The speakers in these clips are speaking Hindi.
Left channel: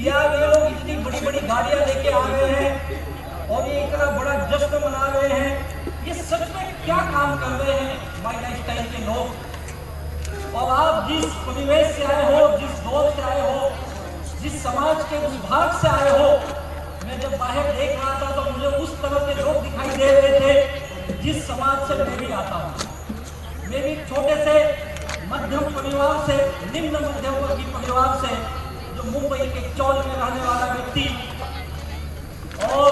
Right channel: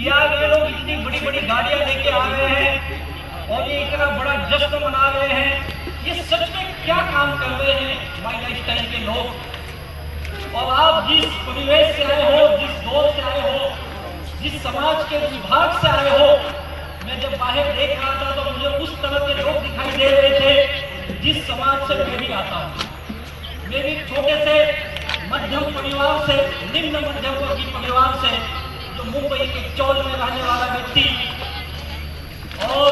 कि यार ये लोग इतनी बड़ी बड़ी गाड़ियां लेके आ रहे हैं और ये इतना बड़ा जश्न मना रहे हैं, ये सच में क्या काम कर रहे हैं माई लाइफस्टाइल के लोग। और आप जिस परिवेश से आए हो, जिस दौर से आए हो, जिस समाज के विभाग से आए हो, मैं जब बाहर देख रहा था तो मुझे उस तरह के लोग दिखाई दे रहे थे जिस समाज से मैं भी आता हूँ। मैं भी छोटे से मध्यम परिवार से, निम्न मध्यम वर्गीय परिवार से, जो मुंबई के चौल में रहने वाला व्यक्ति, और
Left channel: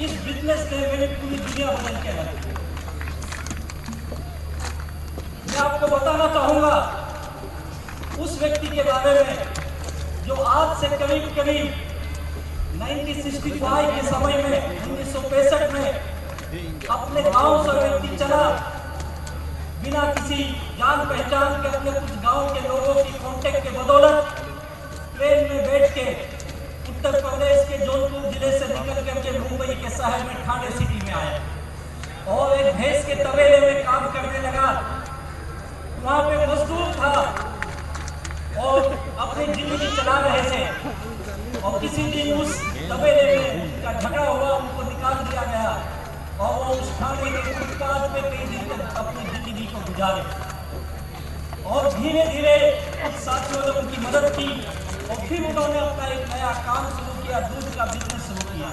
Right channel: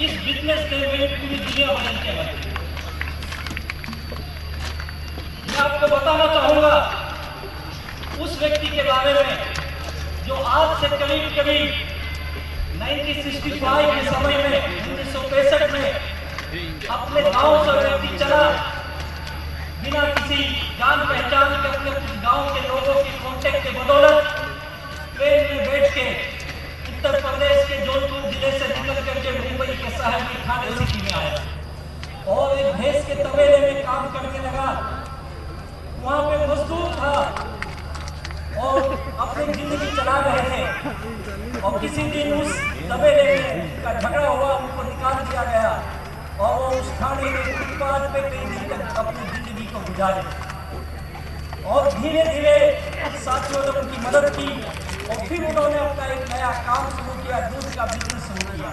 इस बिजनेस से मेरी पूरी दुनिया बदल के लगी। मैं आपको बताना चाहूंगा उस व्यक्ति के बारे में जो आज से करीब 1965 के समय में, 1965 में अपने गांव से व्यक्ति चला, बिना किसी जान पहचान के अपने कुछ गांव के लोगों की कॉन्टेक्ट के बदौलत ट्रेन में बैठ के उत्तर प्रदेश के जौनपुर जिले से निकल करके मुंबई के शहर में ठाणे सिटी में आया और एक भैंस के तबेले में काम करने लगा। वहां पे मजदूर था और अपनी जिंदगी चला रहे थे और किसी दिन उस तबेले में का झगड़ा हुआ, उनको निकाल दिया गया और वो उस ठाणे के फुटपाथ पे कई दिन तक अपनी जिंदगी को गुजारे। और धीरे धीरे कुछ साथियों ने उनकी मदद की और फिर उन्होंने अपना एक नया काम शुरू किया, दूध का बिजनेस शुरू किया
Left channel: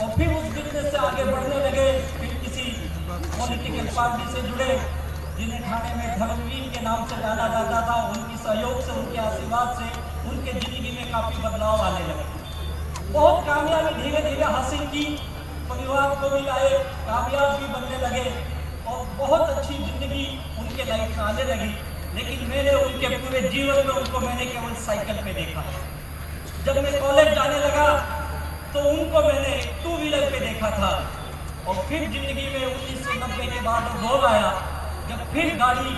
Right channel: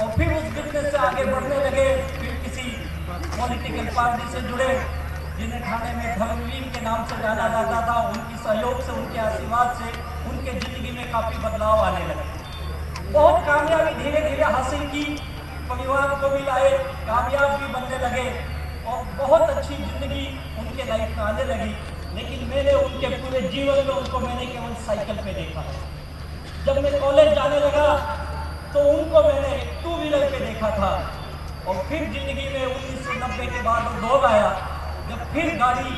और फिर उस बिजनेस से आगे बढ़ने लगे। फिर किसी पॉलिटिकल पार्टी से जुड़े जिन्हें ठाणे में धर्मवीर के नाम से जाना जाता था। उनकी सहयोग से, उनके आशीर्वाद से उनके जिंदगी में काफी बदलाव आने लगे। बहुत कामयाबी धीरे धीरे हासिल की, परिवार को भी लाए, कामयाब भी बनने लगे और बहुत अच्छी जिंदगी उनके लाइफ में आने लगी। लेकिन मैंने उनके पूरे जीवन में उनको मैंने केवल साइकिल पे देखा। जब मैं कॉलेज जाने लगा तो उनको मैंने टू व्हीलर पे देखा था और फिर जिंदगी में 1990 के बाद दौर आया, जब फिर गाड़ी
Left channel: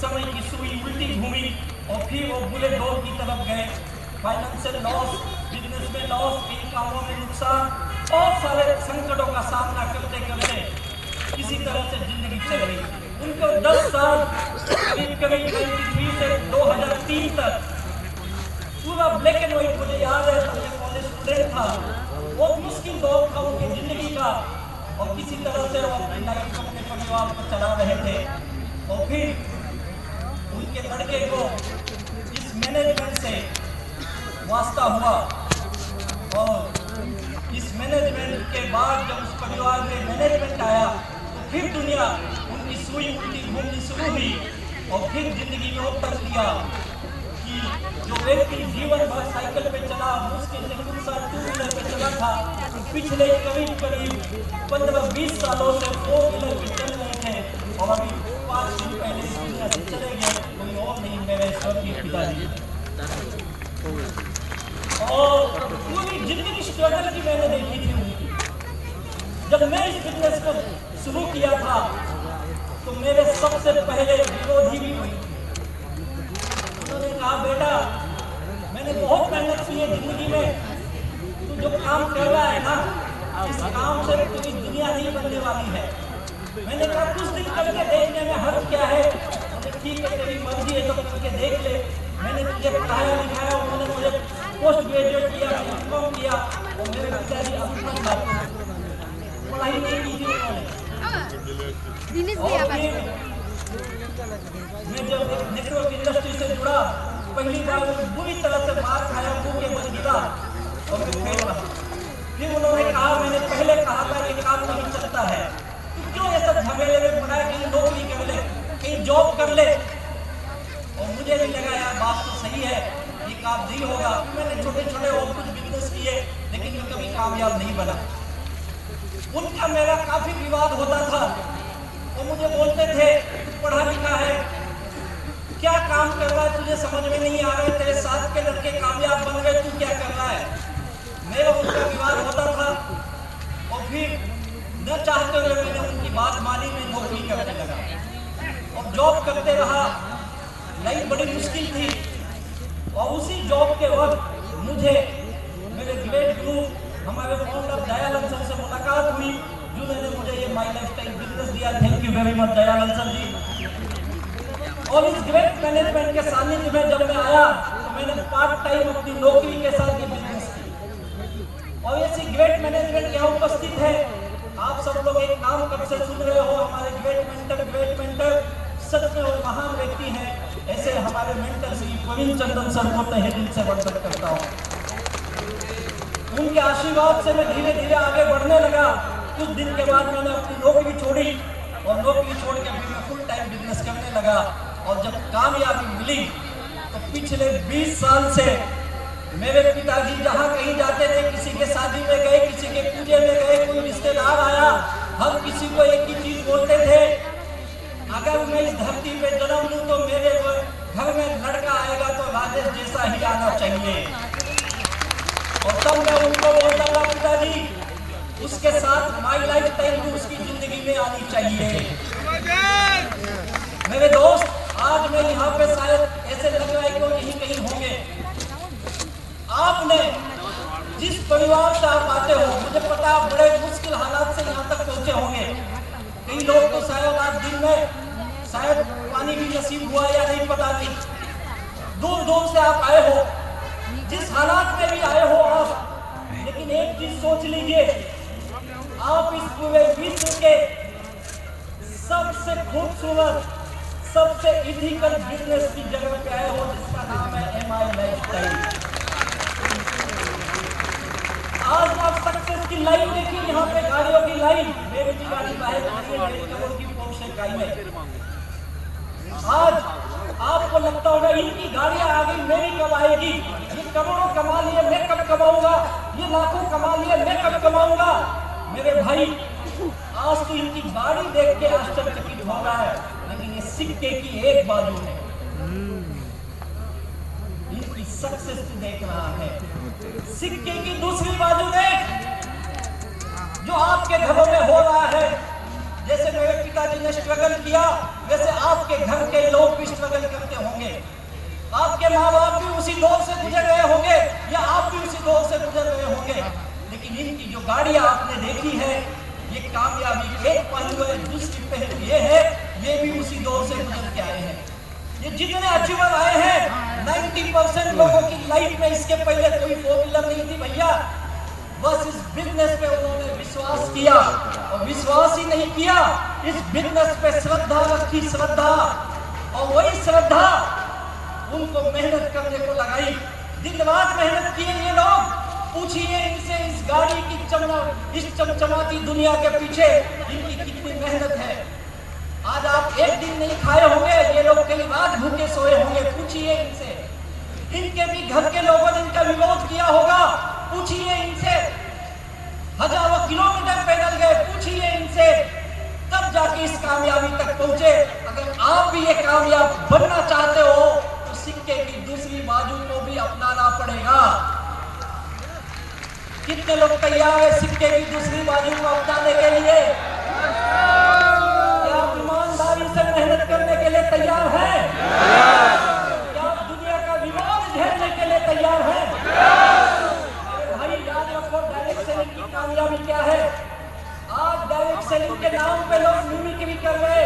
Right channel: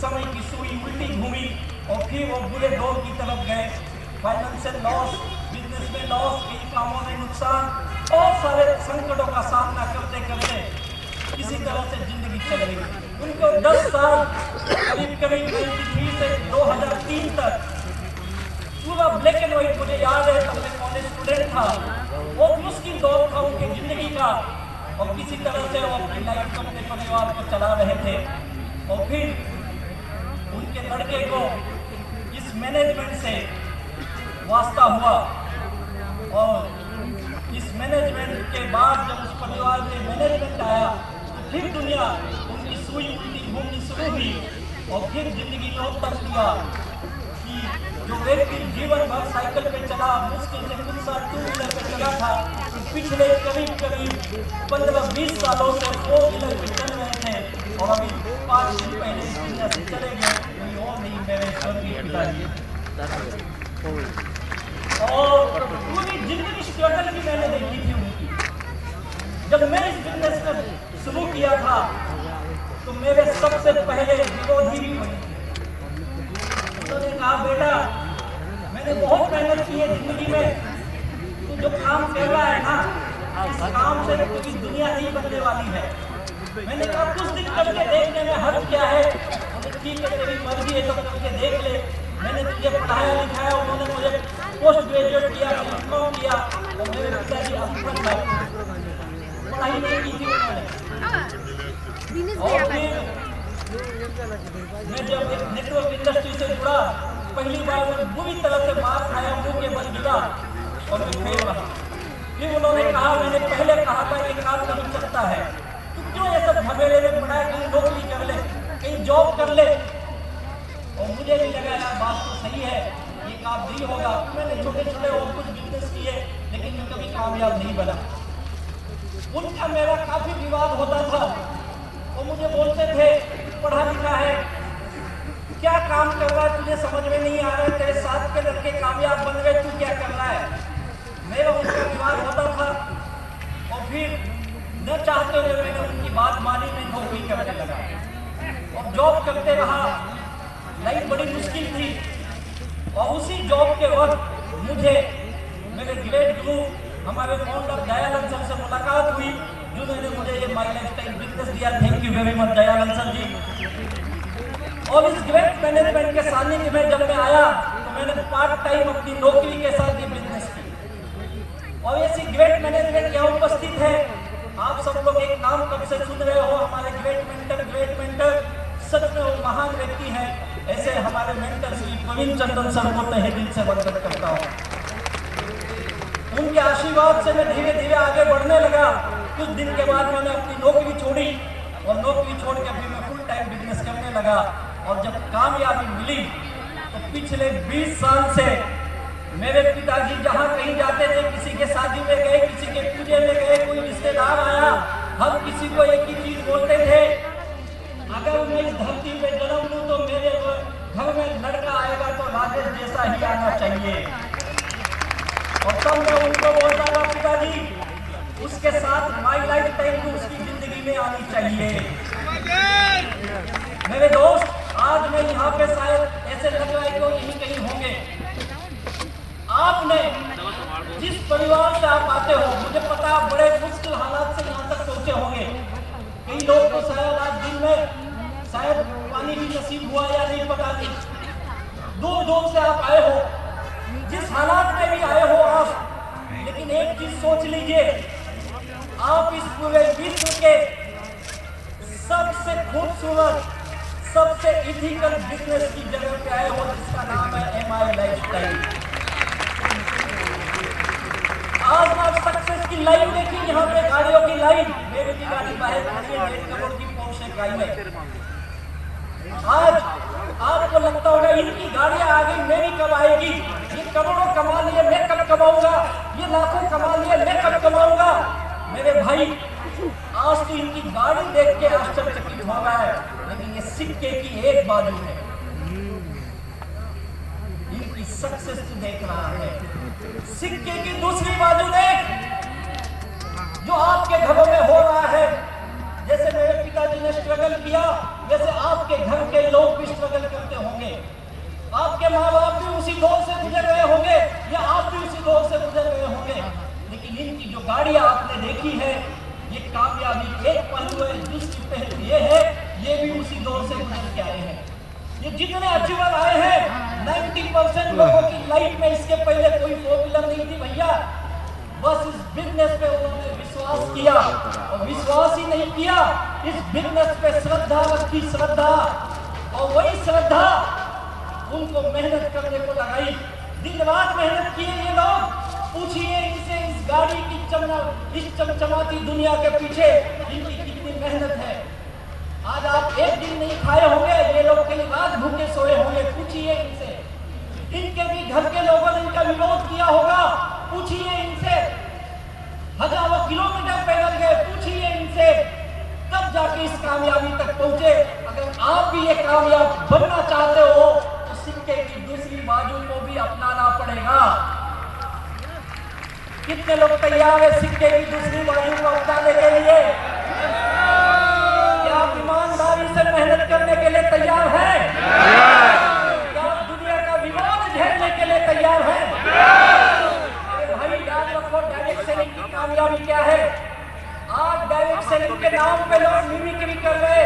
समय की सुई उल्टी घूमी और फिर वो बुरे दौर की तरफ गए। फाइनेंशियल लॉस, बिजनेस में लॉस, इन कामों में नुकसान, बहुत सारे संकटों का सामना करते करते किसी तरह से जिंदगी चल रही। उनको 10 साल करीब 93 से 2003 तक पूरा ब्लैक एंड व्हाइट मुझे याद है, तब मैं कॉलेज स्टूडेंट था। बहुत मुश्किल दौर था उनकी जिंदगी का और किसी तरह से वो अपनी लाइफ को, अपने परिवार को चला रहे थे। और फिर उनके लड़के को इस मैनेजमेंट से वास्ता हुआ और इस मैनेजमेंट के बाद जब उस परिवार में मैनेजमेंट आया तो फिर दुनिया उनकी सुई उल्टी घूमनी शुरू हुई और फिर जिंदगी में उत्तर दिया कि जो व्यक्ति जीवन भर साइकिल पे चला, मुश्किल से कुछ साल टू व्हीलर पे चला था, तो पिछले करीब 15-20 सालों से 4 व्हीलर पे चल रहे थे और अभी 5 दिन पहले इस दुनिया से चले गए। कोई और नहीं, मेरे स्वर्गीय पिताजी। और पूरी जिंदगी स्ट्रगल की मैंने देखी थी उनकी। जब मैं इस बिजनेस में शुरू किया था तो मेरे सबसे पहले विरोधी भी बने। उन्होंने कहा, बेटा मैंने बहुत मेहनत की है जिंदगी में, तू जो काम कर रहा है ना, इस काम से पूरी दुनिया नहीं बनने वाली है। मैंने कहा कुछ दिन करके देखने में हर्ज क्या है। उन्होंने ठीक है, तेरी मर्जी है तो करके देख ले। मैंने तुझे पढ़ाया लिखाया, उन्होंने मुझे पोस्ट ग्रेजुएट किया, मैंने कॉम किया और मेरे पिताजी अभी तक पढ़ाई नहीं की थी उन्होंने। और मैं जब नेटवर्क इंडस्ट्री से जुड़ा, पहली बार बुरी तरह से मार खाया, मुंह के बल गिरा और मैं फेल रहा। फिर उन्होंने कहा, मैंने पहले कहा था कि काम नहीं चलता है, तू क्यों ऐसा झमेले में पड़ा है, कहीं नौकरी कर ले, कहीं जॉब कर ले। और मुझे भी लगा यार बात तो सही है, ये काम नहीं होगा। मैंने छोटे छोटे और कुछ बिजनेस किए लेकिन कभी कामयाब नहीं बना। उनका मेरा काफी विवाद होता था। वो मुझे बोलते थे, पढ़ा लिखा है, क्या काम कर रहा है, तुझे समझ में नहीं आ रहा है, तेरे साथ के लड़के कामयाब बन रहे, तू क्या कर रहा है। मेरा उनका विवाद होता था और फिर न चाहते हुए मैंने उनकी बात मानी, मैं नौकरी करने लगा और जॉब करते रहा। लाइफ बड़ी मुश्किल थी और उसी जॉब के वक्त मुझे मेरे ग्रेट गुरु हमारे फाउंडर दयानंद सर से मुलाकात हुई, जिन्होंने मुझे ये माई लाइफस्टाइल बिजनेस दिया। Thank you very much Dayanand sir ji. और इस ग्रेट मैनेजमेंट के सानिध्य में जब मैं आया तो मैंने पार्ट टाइम अपनी नौकरी के साथ ये बिजनेस की। और ऐसी ग्रेट मैनेजमेंट यहाँ उपस्थित है। आप सब लोग एक नाम कब से सुन रहे हो, हमारे ग्रेट मेंटर सच में वो महान व्यक्ति हैं। ऐसे हमारे मेंटर श्री प्रवीण चंद्रन सर को तहे दिल से वंदन करता हूँ। उनके आशीर्वाद से मैं धीरे धीरे आगे बढ़ने लगा। कुछ दिन के बाद मैंने अपनी नौकरी छोड़ी और नौकरी छोड़ के फिर मैं फुल टाइम बिजनेस करने लगा। और जब कामयाबी मिली तो पिछले 20 साल से मेरे पिताजी जहाँ कहीं जाते थे, किसी के शादी में गए, किसी के पूजे में गए, कोई रिश्तेदार आया, हर किसी को एक ही चीज बोलते थे, अगर मैं इस धरती पे जन्म लूं तो मेरे घर में लड़का आएगा तो राजेश जैसा ही आना चाहिए। और तब मैं उनको बोलता था, पिताजी उसके साथ माई लाइफ टाइम भी उसकी जिंदगी में आनी चाहिए। मेरे दोस्त, आज मैं यहाँ पे शायद ऐसे लग रहा है कि यहीं कहीं होंगे। आपने जिस परिवार से आप आते हो, मुझे पता आप बड़े मुश्किल हालात से यहाँ तक पहुँचे होंगे। कई लोग तो शायद आज दिन में शायद पानी भी नसीब हुआ या नहीं, पता नहीं। दूर दूर से आप आए हो, जिस हालात में भी आए हो आप, लेकिन एक चीज सोच लीजिए, आप इस पूरे विश्व के सबसे खूबसूरत, सबसे इथिकल बिजनेस की जगह पे आए हो, जिसका नाम है MI लाइफस्टाइल। आज आप सक्सेस की लाइन देखिए, यहाँ पे गाड़ियों की लाइन, मेरी भी गाड़ी बाहर मेरी करोड़ की पोर्श गाड़ी है। आज आपको लगता होगा इनकी गाड़ियां आ गई, मेरी कब आएगी, ये करोड़ों कमा लिए मैं कब कमाऊंगा, ये लाखों कमा लिए मैं कब कमाऊंगा। मेरे भाई, आज तो इनकी गाड़ी देख के आश्चर्यचकित हो रहा है, लेकिन ये सिक्के की एक बाजू है, इनकी सक्सेस देख रहा है। सिक्के की दूसरी बाजू में जो आपके घरों में हो रहा है, जैसे मेरे पिताजी ने स्ट्रगल किया, वैसे आपके घर के लोग भी स्ट्रगल करते होंगे। आपके माँ बाप भी उसी दौर से गुजर रहे होंगे या आप भी उसी दौर से गुजर रहे होंगे। लेकिन इनकी जो गाड़ियां आपने देखी है, ये कामयाबी एक पहलू है, दूसरी पहलू ये है, ये भी उसी दौर से गुजर के आए हैं। ये जितने अचीवर आए हैं, 90% लोगों की लाइफ में इसके पहले कोई फोर व्हीलर नहीं थी भैया। बस इस बिजनेस पे उन्होंने विश्वास किया, और विश्वास ही नहीं किया, इस बिजनेस पे श्रद्धा रखी, श्रद्धा, और वही श्रद्धा उनको मेहनत करने को लगाई। दिन रात मेहनत किए ये लोग। पूछिए इनसे, इस गाड़ी की इस चमचमाती दुनिया के पीछे इनकी कितनी मेहनत है। आज आप एक दिन नहीं खाए होंगे, ये लोग कई रात भूखे सोए होंगे। पूछिए इनसे, इनके भी घर के लोगों ने इनका विरोध किया होगा। पूछिए इनसे, हजारों किलोमीटर पैदल गए। पूछिए इनसे, तब जाके इस कामयाबी तक पहुंचे। अगर आप भी ये कामयाब बनना चाहते हो तो सिक्के की दूसरी बाजू को भी अपनाना पड़ेगा। कितने लोग तैयार है सिक्के की दूसरी बाजू को अपनाने के लिए? क्या आप ईमानदारी से मेहनत करने के लिए तैयार हैं? क्या आप दुनिया का विरोध झेलने के लिए तैयार हैं? भाई याद रखो, डायरेक्ट सेलिंग की कामयाबी क्या है। आज डायरेक्ट सेलिंग के नाम पे लोग मिमिक्री कर रहे,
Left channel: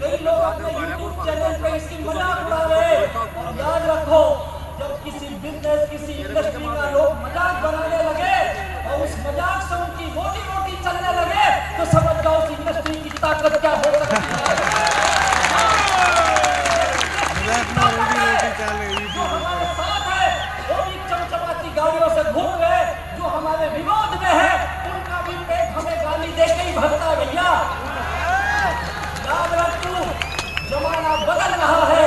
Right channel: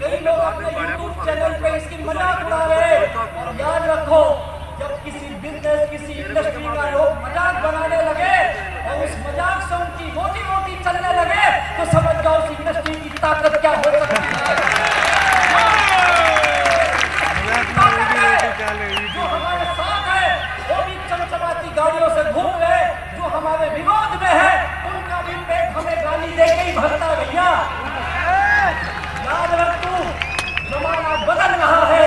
कई लोग अपने YouTube चैनल पे इसकी मजाक उड़ा रहे। और याद रखो, जब किसी बिजनेस, किसी इंडस्ट्री का लोग मजाक बनाने लगे और उस मजाक से उनकी रोटी रोटी चलने लगे, तो समझ जाओ उस इंडस्ट्री की ताकत क्या हो सकती है। जो हमारे साथ है वो भी चमचमाती गाड़ियों से घूम रहे, जो हमारे विरोध में है उनका भी पेट हमें गाली देके ही भरता है भैया। याद रखो, जमाना बदल रहा है।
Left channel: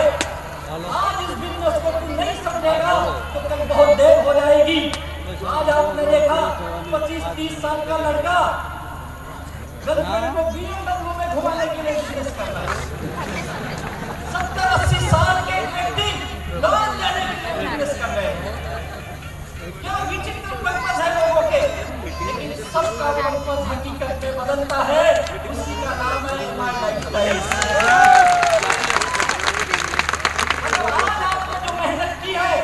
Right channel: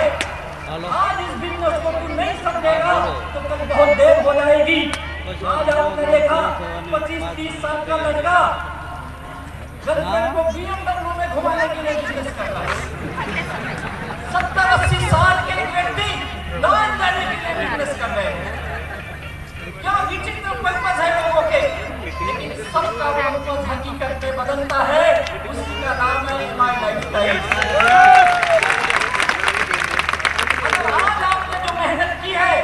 आज इस बिजनेस को तू नहीं समझेगा तो कल बहुत देर हो जाएगी। आज आपने देखा 25-30 साल का लड़का गर्लफ्रेंड को BMW में घुमाने के लिए बिजनेस कर रहा है। 70-80 साल के व्यक्ति लॉन्च लेने के लिए बिजनेस कर रहे हैं। क्या विचित्र पर्पस है लोगों के, लेकिन सबका पर्पस हकीकत में बदलता है। उसी का नाम है MI लाइफस्टाइल। अगर आज आपने जो मेहनत की है,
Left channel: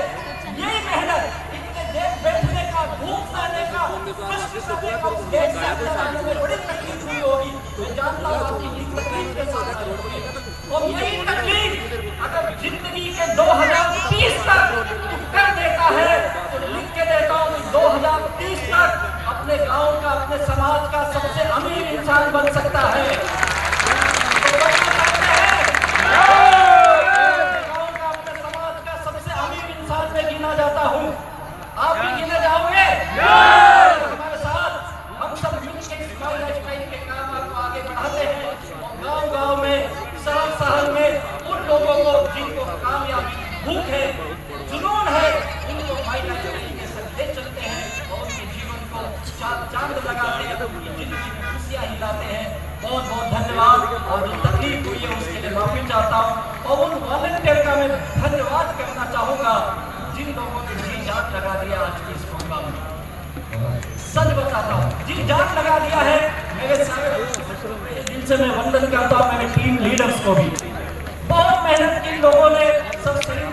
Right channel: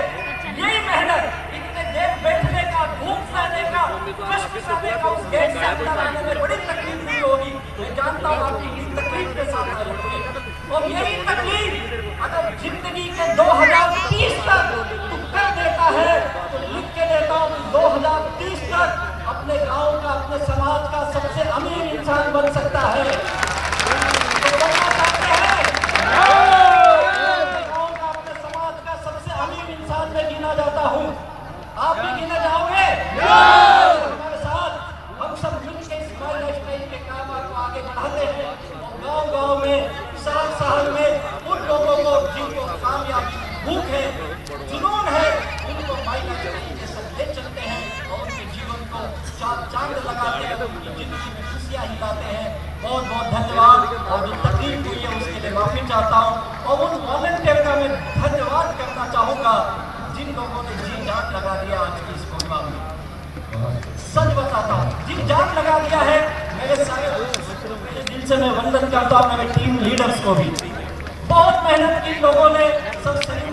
यही मेहनत इतने देर बैठने का, धूप सहने का, कष्ट सहने का, उस गेट से अंदर आने में बड़ी तकलीफ हुई होगी। मैं जानता हूँ आपकी इस तकलीफ के साथ आए होंगे। और यही तकलीफ अगर जिंदगी के 2030 तक अपने गांव का, अपने समाज का सबसे अमीर इंसान बन सकता है। तो बनना चाहते हैं? अपने गांव का, अपने समाज का सबसे अमीर इंसान में गिना जाता हूँ। आप भी गिने जाओगे हमारे साथ? हम सब मिलकर इस माइनस टाइम के काम को आगे बढ़ाते हैं और गांव-गांव में, शहर में उन लोगों को जिनको कामयाबी भूख है, जुनून है, उनको माइनस टाइम के साथ ले चलते हैं और उनके जीवन को चांद लगाते हैं, जिनकी खुशियां हिलाते हैं। बहुत बहुत धन्यवाद। और जो तकलीफ हुई है उसके लिए माफी चाहता हूँ और उन वॉलंटियर का मैं धन्यवाद करना चाहूँगा जिन लोगों ने जी जान लगा दिया आज की इस प्रोग्राम में। सच बताता हूँ, जी जान लगा दिया है। मेरे दिल से मैं वंदन करता हूँ मेरे टीम लीडर्स को भी। बहुत मेहनत की लोगों ने, सब